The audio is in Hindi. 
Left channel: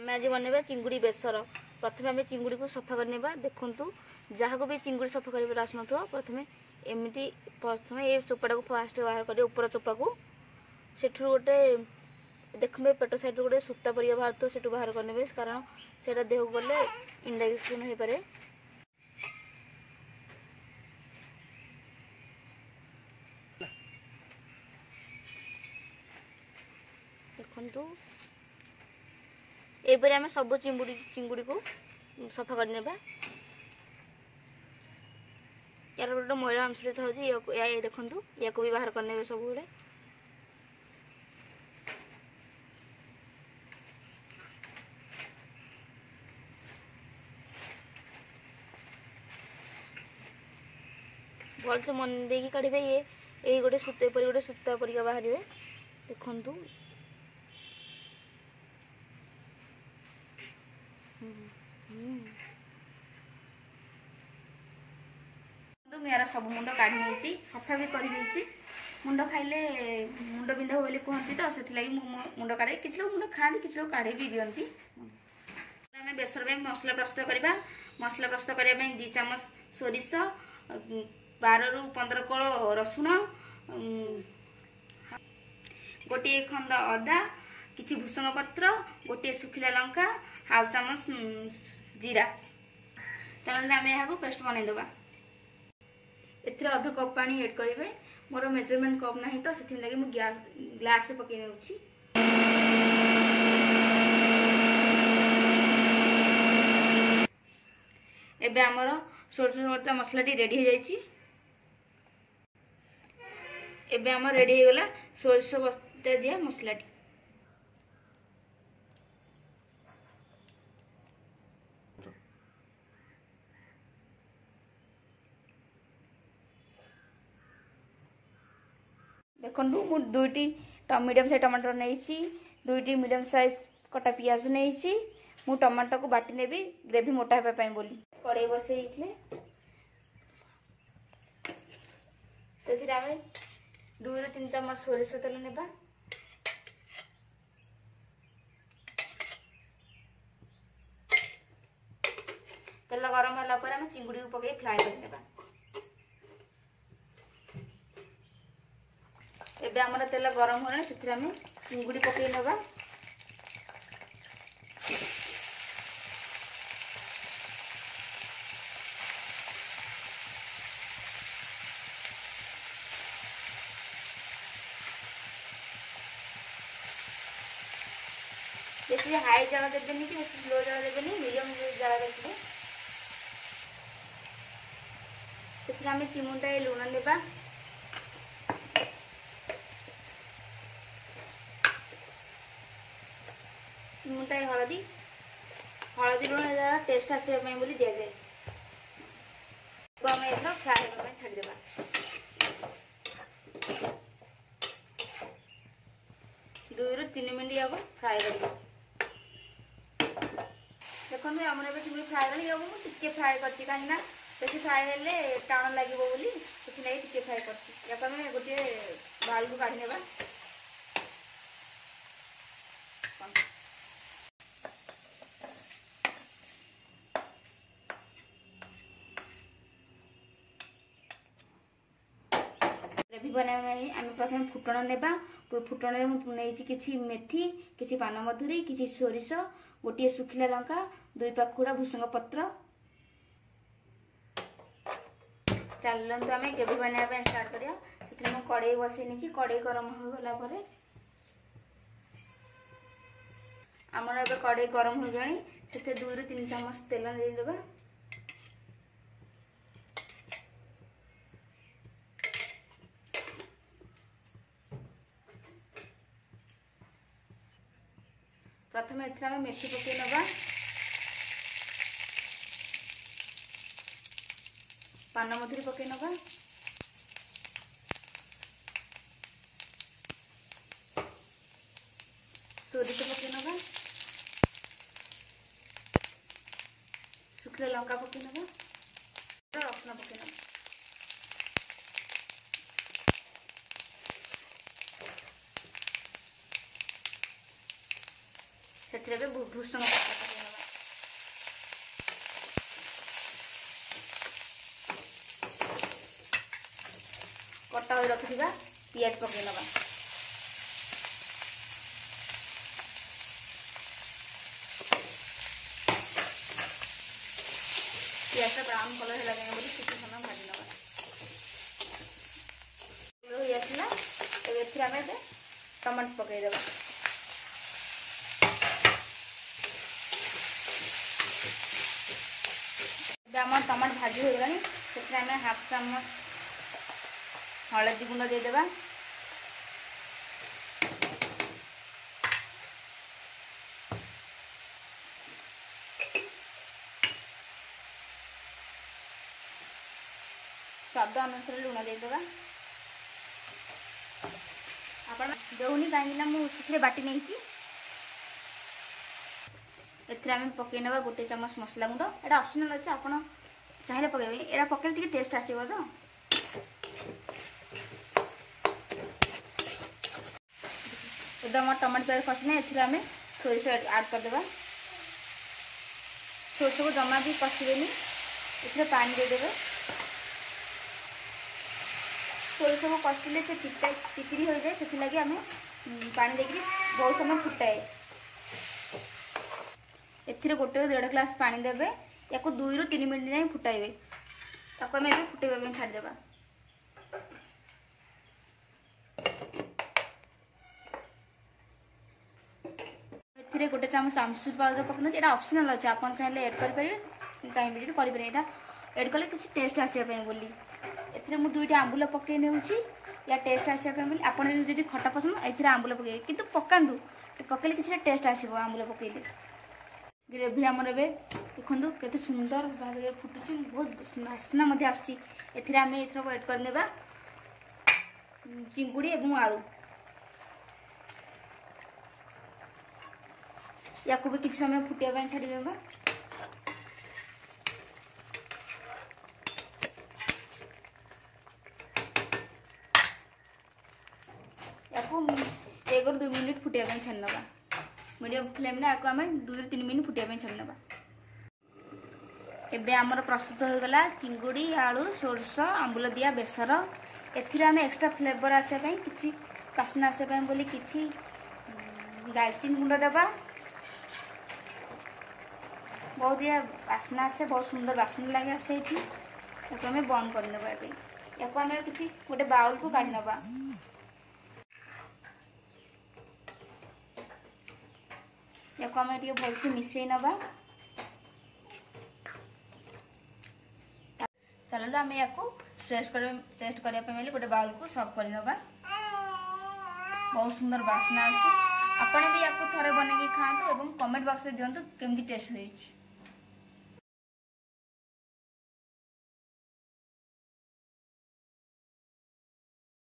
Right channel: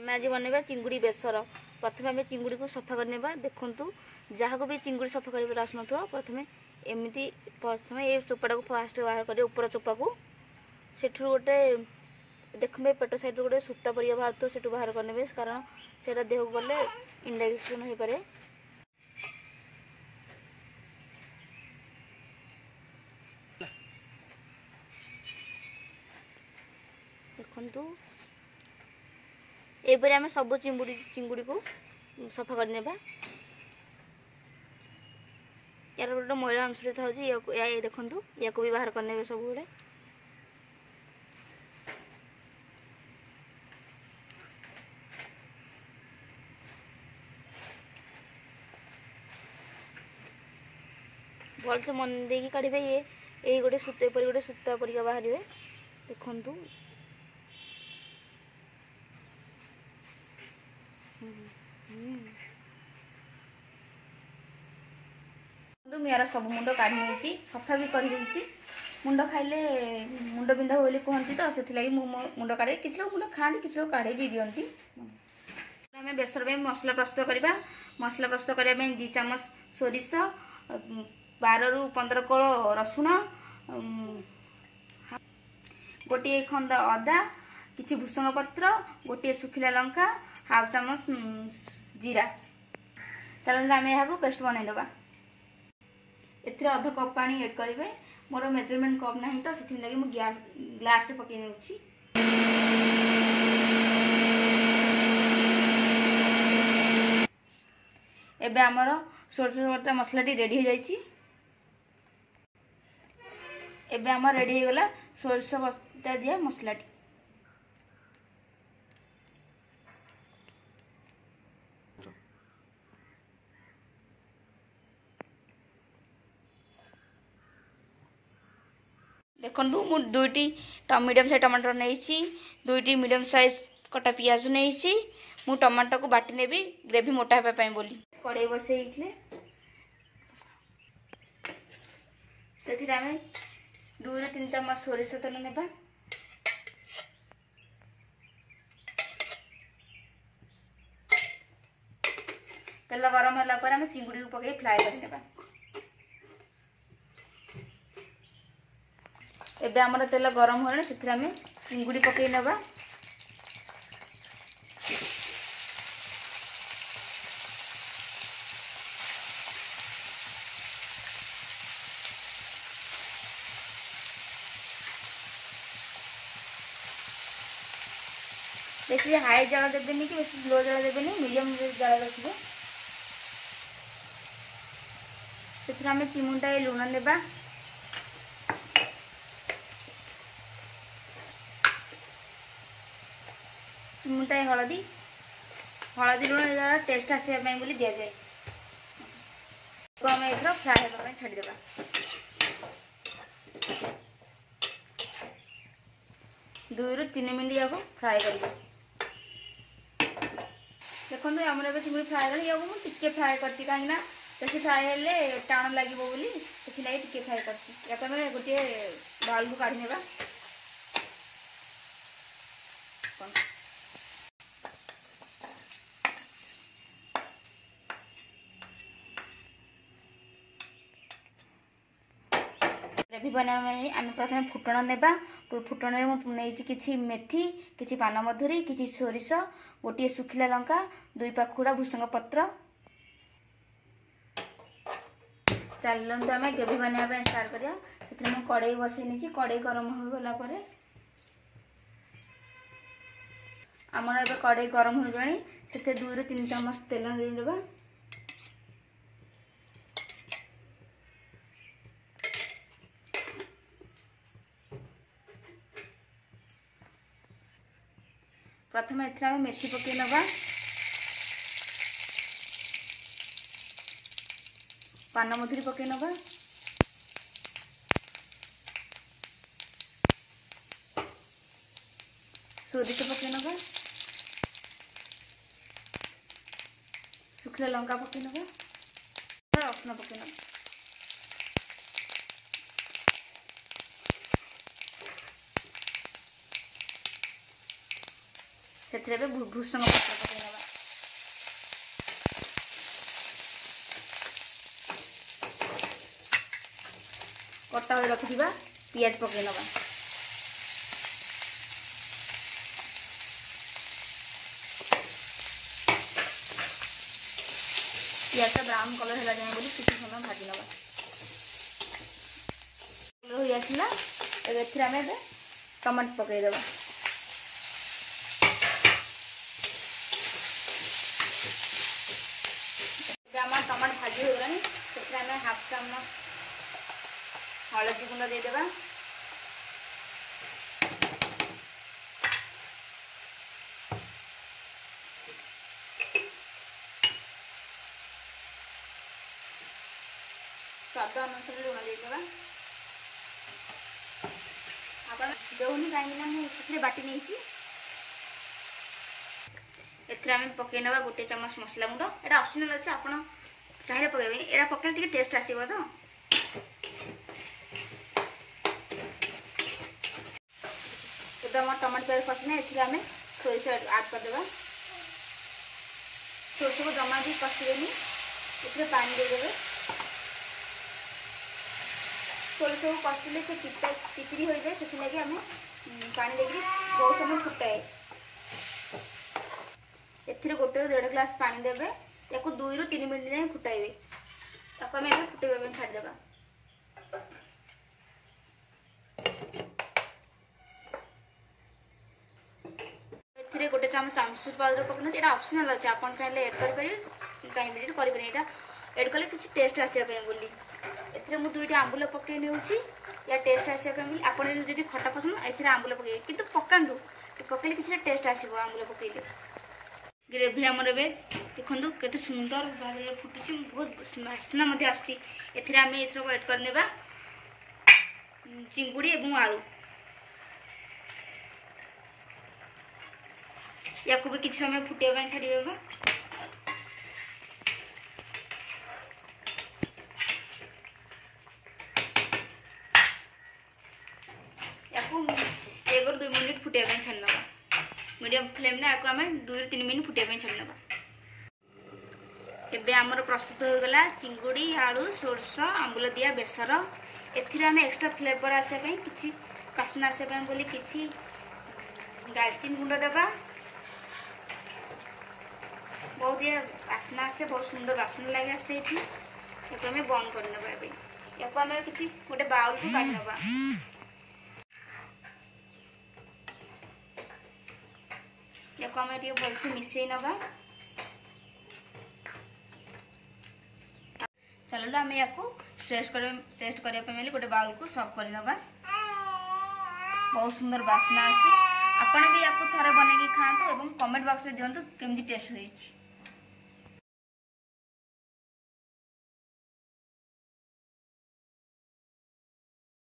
आम आज बनवा चिंगुड़ी बेसर। प्रथम आम चिंगुड़ी को सफा करने देखु जहाँ को भी चिंगुड़ी सफा कर आसन प्रथम एमती प्रथम ये चोपाटा को फास्ट बाहर कर ऊपर चोपा को सेठू गोटे देखुए पेट साइड गोटे सूता परिया बाहर तो सेठू बाहर करने कारण से देह को गले इनडाइजेशन हो पारे। देखु एपरी आम सब चिंगुड़ी को सफा करने यार गोटे मैला अंश था देखु या भी बाहर करने सब गुड़े भल से मन दे काढ़े ये गोटे सूता गोटे सूता परिका बाहर देखु मेरा सब मुंड काढ़ी सफा भी कर मुंड खाइले मुंड बिंधा बोली कहती तो से मुंड काढ़े किसी लोग मुंड खाती किसी लोग काढ़े भी दिखती। आम बेसर मसला प्रस्तुत करवा। मसला प्रस्तुत करने 2 चामच सोरिष 12 ରୁ 15 कोल रसुण गोटे खंड अदा किसी भूसंग पत्र गोटे सुखिला लंका हाफ चामच जीरा। चलते आम यहाँ पेस्ट बनईदे। एथि अध कप पानी एड करेंगे। मोर मेजरमेंट कप ना तो से लगे मुझे ग्लास पकई दे। एबे आमर सोरिष मसला रेडी हो जाइए। एबे आम रेडी हो गला सोरिष बटा दिया मसला। देखु मु 2टी मीडियम साइज टमाटर नहीं 2टी मीडियम साइज कटा पियाज नहीं मु टमाटर को बाटी नेबी ग्रेवी मोटा होगा बोली कड़ाई बसई से 2 ରୁ 3 चामच सोरिष तेल नेबा। तेल गरम होला पर चिंगुड़ी को पकई फ्राए करनेबा। एबे हमर तेल गरम होने से चिंगुड़ी पकई नबा। बेसी हाई जल देवेनि कि बेसी लो जल देवेनि मीडियम जल रखिए। से चिमुटा लुण नेबा। चिमुटाए हलदी हलदी लुण टेस्ट आसवाई बोली दि जाए। आम एथर फ्राए होगा छाड़देवा। 2 ରୁ 3 मिनट या फ्राए कर देखो आम चिंगुड़ी फ्राए कर फ्राए करती कहीं बेसी फ्राए हेल्ले टाण लगे बोली टे फ्राए कर गोटे बाउल को काढ़ी नेबा। ग्रेवी बनाई आम प्रथम फुटण नेबा। फुटण नहीं किसी मेथी किसी पान मधुरी किसी सोरिष गोटे सुखिला लंका 2 पाखुड़ा भूसंग पत्र। चलते आम ग्रेवी बनाया स्टार्ट करिया। से कड़ाई बसई कड़ाई गरम हो गला आमर ए कड़ाई गरम हो गई से 2 ରୁ 3 चामच तेल देवा। प्रथम एथरा मेथी पकई नबा। पान मधुरी पकई नबा। सोरिष पकई नबा। सुखिला लंका पकई नबा। रसुण पकई नबा। ସେଥିରେ ଏବେ ଭୃଷଙ୍ଗ ପତ୍ର ପକେଇନେବା। କଟା କରି ରଖିଥିବା ପିଆଜ ପକେଇନେବା। ପିଆଜ ବ୍ରାଉନ କଲର ହେଲା ଯାଏ ବୋଲି କିଛି ସମୟ ଭାଜି ନେବା। ହେଇ ଆସିଲା, ଏବେ ଏଥିରେ ଆମେ ଏବେ ଟମାଟୋ ପକେଇଦେବା। ଏବେ ଆମର ଟମାଟୋ ଭାଜି ହୋଇଗଲାଣି, ସେଥିରେ ଆମେ ହାଫ ଚାମଚ ହଳଦୀ ଗୁଣ୍ଡ ଦେଇଦେବା। स्वाद अनुसार लुण देदेवा। आप देनी कहीं मुझे बाटी नहीं पकई ना गोटे चमच मसला गुंड। यहाँ ऑप्शनल अच्छे, आप चाहिए पकड़े यहाँ पकड़े टे टेस्ट आसो। तो एकदम टमाटो प्याज कषिना आम सोरिष आड करदे। सोरिष को जमा भी कषिदेनी, इसमें पानी देदेवे। सोरिष को कषिले से टिकरी हो जाए, से लगे आम पानी देकर बहुत समय फुटाए। एथिरे गोटे 1.5 ग्लास पानी देवे। या 2 ରୁ 3 मिनट जाए फुटाइबे। ताको आम ए फुटेबा छाड़देवा। एथिरे गोटे चमच आमचूर पाउडर पकना। ये ऑप्शनल अच्छे, आप चाहिए ऐड करेंगे, चाहिए जी करेंगे। यहाँ ऐड कले किसी टेस्ट आसापी बोली एथिरे मु 2टा आंबुल पकई नेउची या टेस्ट आसापी बोली। आप जब खटा पसंद एथिरे आंबुल पकई किंतु पकांदु, पकईले किसी टेस्ट आसो आंबुल पकईले। ग्रेवी आमर ए देखु केते सुंदर भाव फुटुची, बहुत बास्ना आसुची। एथिरे आम एथर ऐड करने चिंगुड़ी एवं आलू। या भी किसी समय फुटाइबा छाड़ीबा। या 1 ରୁ 2 मिनट फुटाइबा छाड़ीनवा। मीडियम फ्लेम ने आम 2 ରୁ 3 मिनट फुटाइबा छाड़ीनवा। एबे आमर प्रस्तुत हो गला चिंगुड़ी आलू सोरस आंबुल दिया बेसर। एथिरे आम एक्स्ट्रा फ्लेवर आसापी किसी बास्ना आसापी बोली किसी दालचीनी गुंड देवा। बहुत ये बास्ना आसे, बहुत सुंदर बास्ना लगे आसे। ये आम बंद करने या आम किसी गोटे बाउल को काढ़ी नवा। या आम भलसे मिसई नवा। चलो आम या टेस्ट करने गोटे बाउल को सर्व कर नवा। बहुत सुंदर बास्ना आसे। आपण भी या थोड़े बनई खाते और कमेंट बॉक्स में दिखाते केमती टेस्ट होइछि।